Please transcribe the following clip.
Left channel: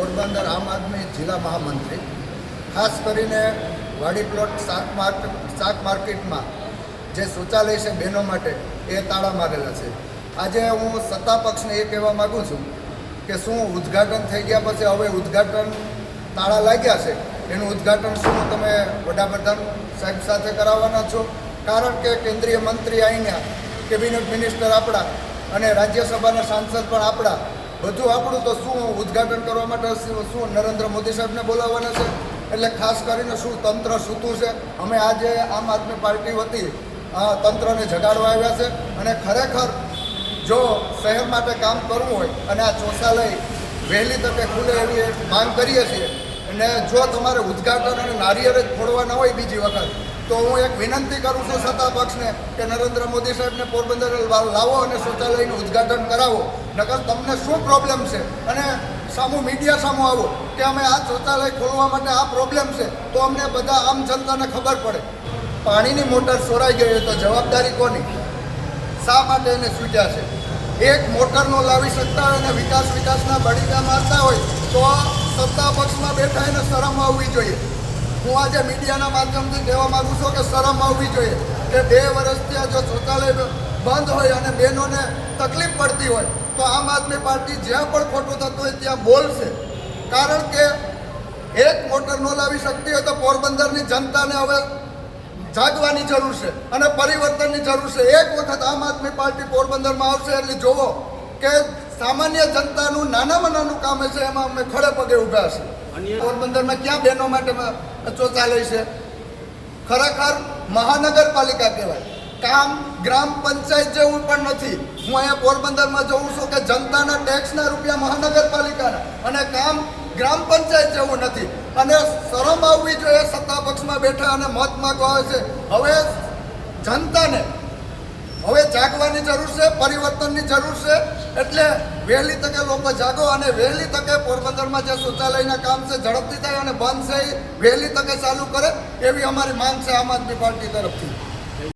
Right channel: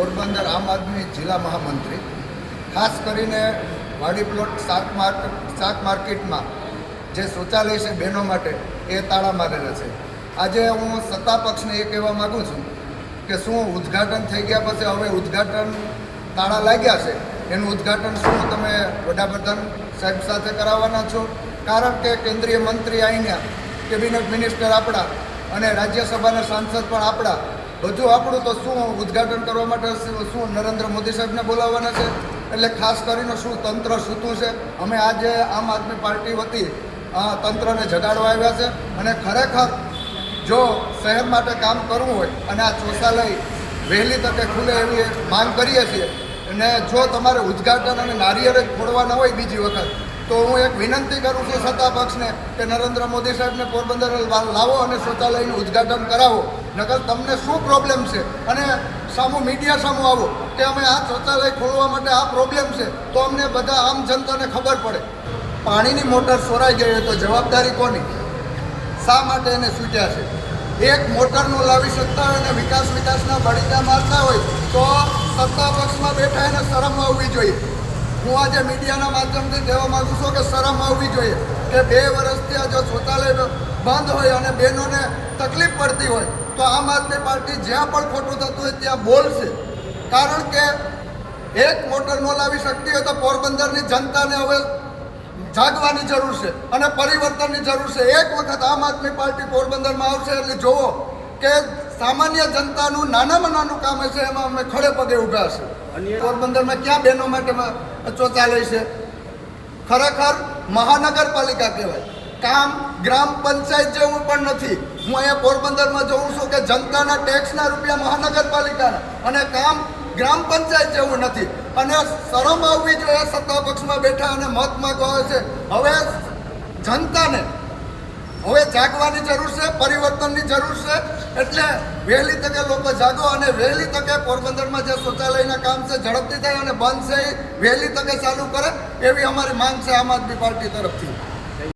પોરબંદર આમ આદમી જિલ્લા મહામંત્રી, ખાસ કરીને વાડી પ્લોટ શાક માર્કેટમાં જે શૌચાલય છે બહેનો માટે એ તાળા મારેલા છે. આજે હું સત્તા પક્ષને એ કહેવા માગું છું કે શું ઉદ્ઘાટન થઈ ગયા પછી હવે ઉદ્ઘાટન તાળા લાગ્યા છે, એનું ઉદ્ઘાટન શું તમે વડાપ્રધાન સાહેબ સાથે કરાવવાના છો? કારણ કે કેન્દ્રીય મંત્રી અહીંયા, કેબિનેટ મિનિસ્ટર આપણા અને રાજ્યસભાના સાંસદ પણ આપણા, બધું આપણું, તો શું ઉદ્ઘાટન કરવા માટે શું નરેન્દ્ર મોદી સાહેબને બોલાવવાના છે? એટલે ખાસ કરીને શું તંત્ર સૂતું છે? અમે આજે આમ આદમી પાર્ટી વતી તંત્રને જગાડવા આવ્યા છે અને ખરેખર જો શહેર માટે કામ કરવું હોય અને આ શૌચાલય વહેલી તકે ખુલે એવી માંગ કરીએ છીએ. અને જો તમારે ઉદ્ઘાટન અને નારિયેળ જ ફોડવાના હોય બીજી વખત, તો હું એક વિનંતી કરું છું સત્તા પક્ષને કે નરેન્દ્ર મોદી સાહેબને પોરબંદર લાવો અને શૌચાલયનું ઉદ્ઘાટન કરાવો. નકર તમને શું પ્રોબ્લેમ છે? અને સામું મીડિયા સામું આવો કે અમે આ શૌચાલય ખોલવા માટે આ પ્રોબ્લેમ છે, તો અમને બધા આમ જનતાને ખબર પડે. પાણીની મોટર ચોરાઈ ગઈ હોય તો જવાબદારી કોની? શા માટે એને સૂટ્યા છે? એક મોટર નો લાવી શકતા હોય અને વિકાસના બળીડા મારતા હોય તો સત્તા પક્ષમાં બેઠા એને શરમ આવવી જોઈએ. હું આજે મીડિયાના માધ્યમથી કહેવા માગું છું કે શરમ આવવી જોઈએ કે 2 વર્ષથી આ જો શૌચાલય બંધ હોય અને બહેનોને તકલીફ પડતી હોય તો આમ આદમી પાર્ટી જ્યાં પણ ખોટું થતું હોય ત્યાં બોલશે. કારણ કે એક મોટર ન લાવી શકતી હોય તો પોરબંદરની જનતાને હવે જાગવાની જરૂર છે અને પરિવર્તનની જરૂર છે. એક વખત આમ આદમી પાર્ટી પોરબંદરમાં આવશે એટલે જોવો કે સામાન્ય જનતાનું નાનામાં નાનું કામ છે એમાં અમે ખડે પગે ઊભા છે. પોરબંદરમાં ક્યાં બહેનો માટે શૌચાલય છે? ખરેખર મહાનગરપાલિકા કહેવાય, કામ ગ્રામ પંચાયત જેવું પણ નથી. હું અહીંયા પોરબંદરમાં જોઉં છું કે જનતાના ટેક્સના રૂપિયા મહાનગરપાલિકાના અને કામ ગ્રામ પંચાયત જેવું નથી. અને શરમ આવવી જોઈએ સત્તા પક્ષમાં બેઠા અને મત માગવા આવે છે. હવે જનતાને હવે જાગવાની જરૂર છે, પરિવર્તનની જરૂર છે. એટલે વહેલી તકે લોકો જાગો અને વહેલી તકે પોરબંદરમાં જે શૌચાલયના કામ છે ઝડપથી થાય અને બંધ છે એ વહેલી તકે ચાલુ કરે એવી અમારી માંગ છે આમ આદમી પાર્ટી તરફથી.